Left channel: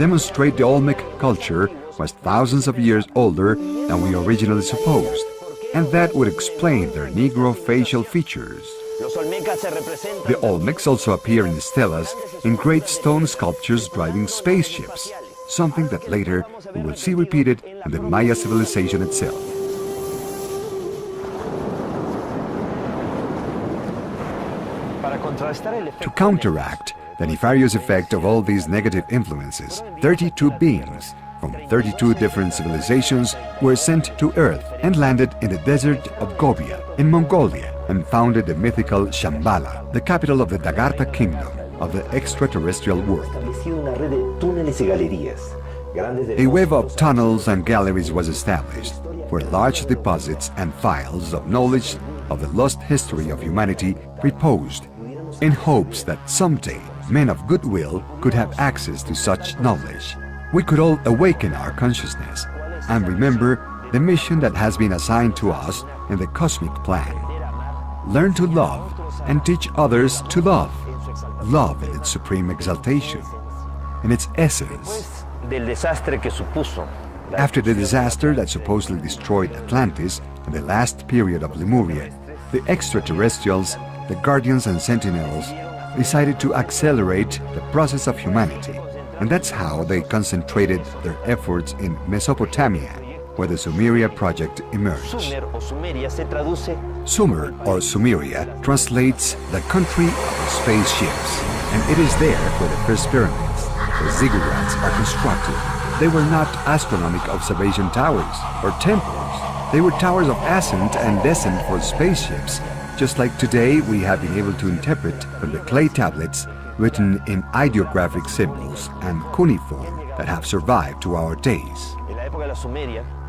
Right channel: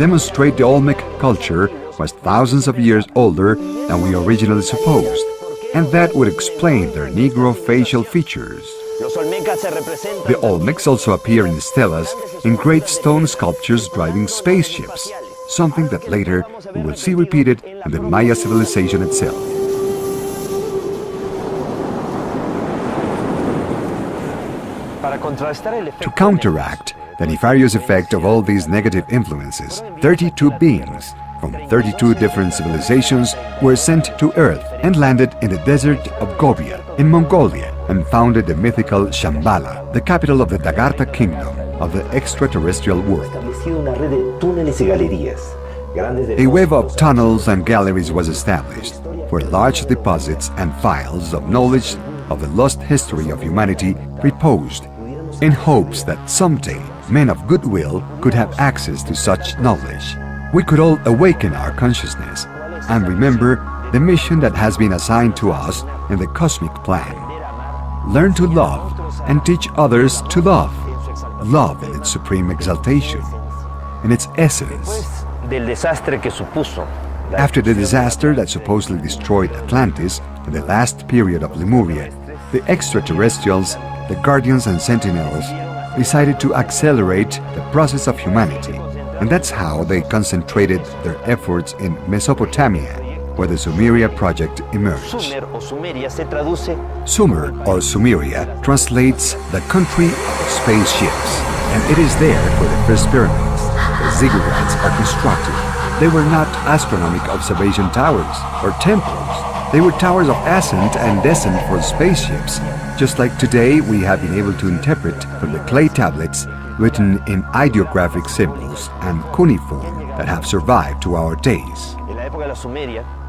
demonstrate the Olmec culture was thousands of years older than we originally supposed, and that would explain their Negro facial features. The Olmecs also appear in stelas in great stone sculptures driving spaceships, something that later we will see repeated in the Maya civilization itself. To counteract the nefarious effect of all these negative influences, 32 beings from 32 different civilizations were sent to Earth and landed in the desert of Gobi in Mongolia and founded the mythical Shambhala, the capital of the Dagartha kingdom of the extraterrestrial world. A web of tunnels and galleries was established, where large deposits and files of knowledge of the lost history of humanity reposed, in hopes that someday men of goodwill could have access to such knowledge. We could all awaken our consciousness and remember the mission that has been assigned to us in the cosmic plan. Learn to love and teach others to love. Love in its supreme exaltation, in its essence. After the disaster that supposedly destroyed Atlantis in the last period of Lemuria, the extraterrestrials, the guardians and sentinels, decided to accelerate the process of humanity, and that's how they concentrated their efforts in Mesopotamia, where the Sumeria project emerged. Sumer, or Sumeria, translates the country of spaceships, and it is there where the first pyramids, the ziggurats, are constructed. They were not astronomical observation towers or temples. They were towers of ascent and descent for spaceships, just like today we have been able to interpret from the clay tablets written in ideographic symbols and cuneiform that have survived to our days.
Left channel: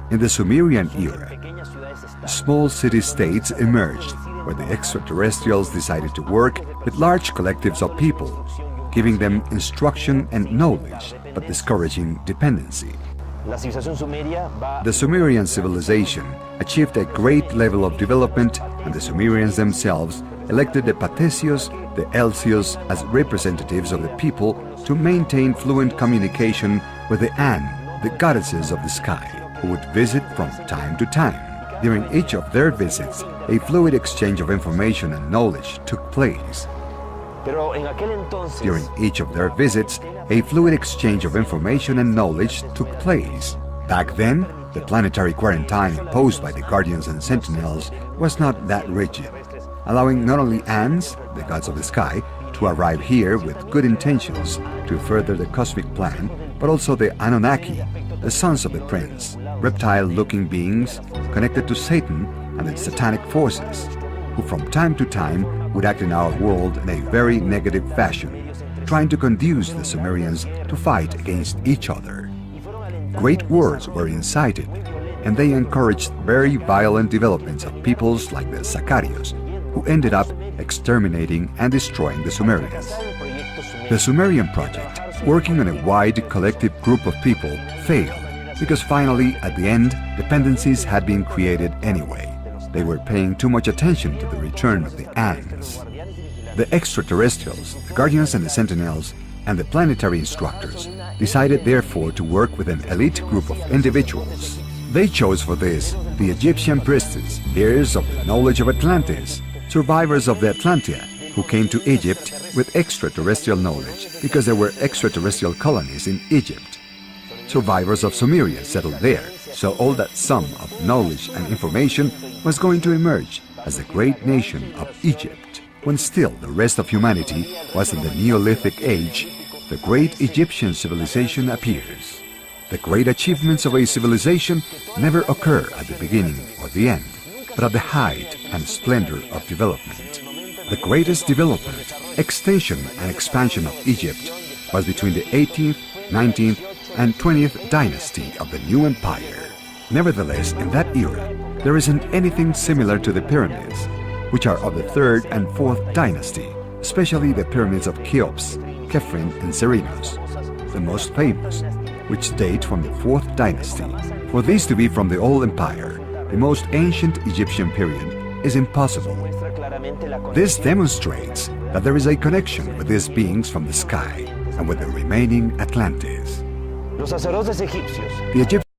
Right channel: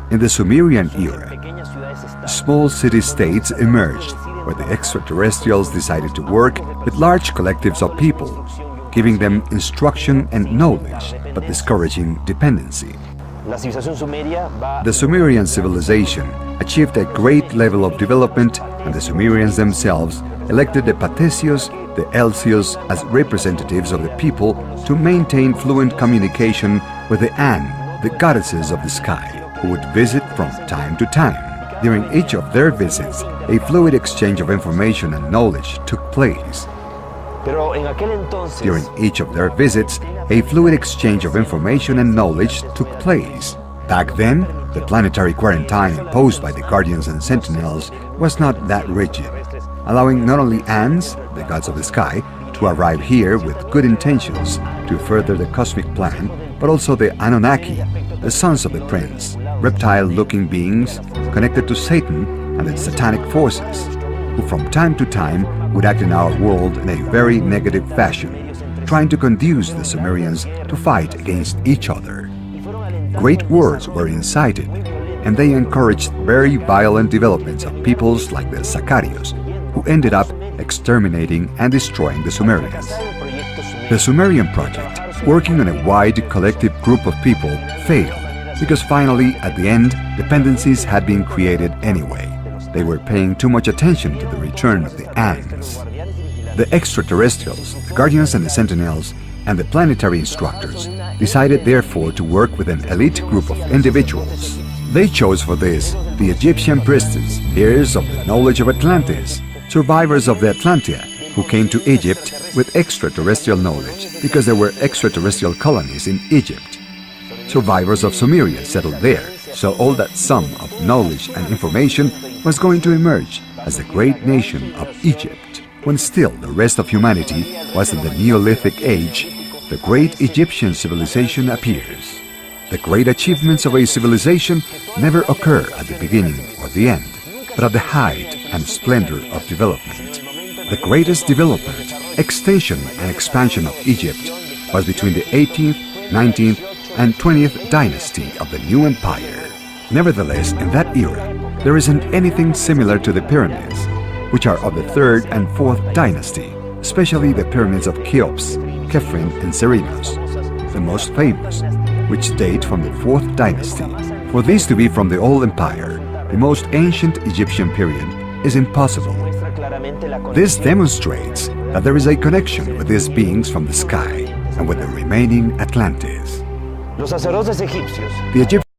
In the Sumerian era, small city-states emerged where the extraterrestrials decided to work with large collectives of people, giving them instruction and knowledge, but discouraging dependency. The Sumerian civilization achieved a great level of development, and the Sumerians themselves elected the Patesios, the Elsios as representatives of the people to maintain fluent communication with the An, the goddesses of the sky, who would visit from time to time. During each of their visits, a fluid exchange of information and knowledge took place. During each of their visits, a fluid exchange of information and knowledge took place. Back then, the planetary quarantine imposed by the guardians and sentinels was not that rigid, allowing not only Ans, the gods of the sky, to arrive here with good intentions to further the cosmic plan, but also the Anunnaki, the sons of the prince, reptile-looking beings connected to Satan and its satanic forces, who from time to time would act in our world in a very negative fashion, trying to conduce the Sumerians to fight against each other. Great wars were incited, and they encouraged very violent developments of peoples like the Sacarios, who ended up exterminating and destroying the Sumerians. The Sumerian project, working on a wide collective group of people, failed, because finally, at the end, dependencies had been created anyway. They were paying too much attention to the return of the Ans. The extraterrestrials, the guardians and the sentinels, and the planetary instructors decided therefore to work with an elite group of individuals. They chose for this the Egyptian priestess, heirs of the knowledge of Atlantis, survivors of the Atlantia, who came to Egypt with extraterrestrial knowledge because there were extraterrestrial colonies in Egypt. Survivors of Sumeria settled there, so all that sum of knowledge and information was going to emerge as the great nation of Egypt. When still the rest of humanity was in the Neolithic age, the great Egyptian civilization appears. The great achievements of a civilization never occur at the beginning or the end, but at the height and splendor of development. The greatest development, extension and expansion of Egypt was between the 18th, 19th, and 20th dynasty of the new empire. Nevertheless, in that era, there isn't anything similar to the pyramids, which are of the 3rd and 4th dynasty, especially the pyramids of Cheops, Khephren, and Cerinos, the most famous, which date from the 4th dynasty. For these to be from the old empire, the most ancient Egyptian period, is impossible. This demonstrates that there is a connection with these beings from the sky and with the remaining Atlantis. Los sacerdotes egipcios The Egyptians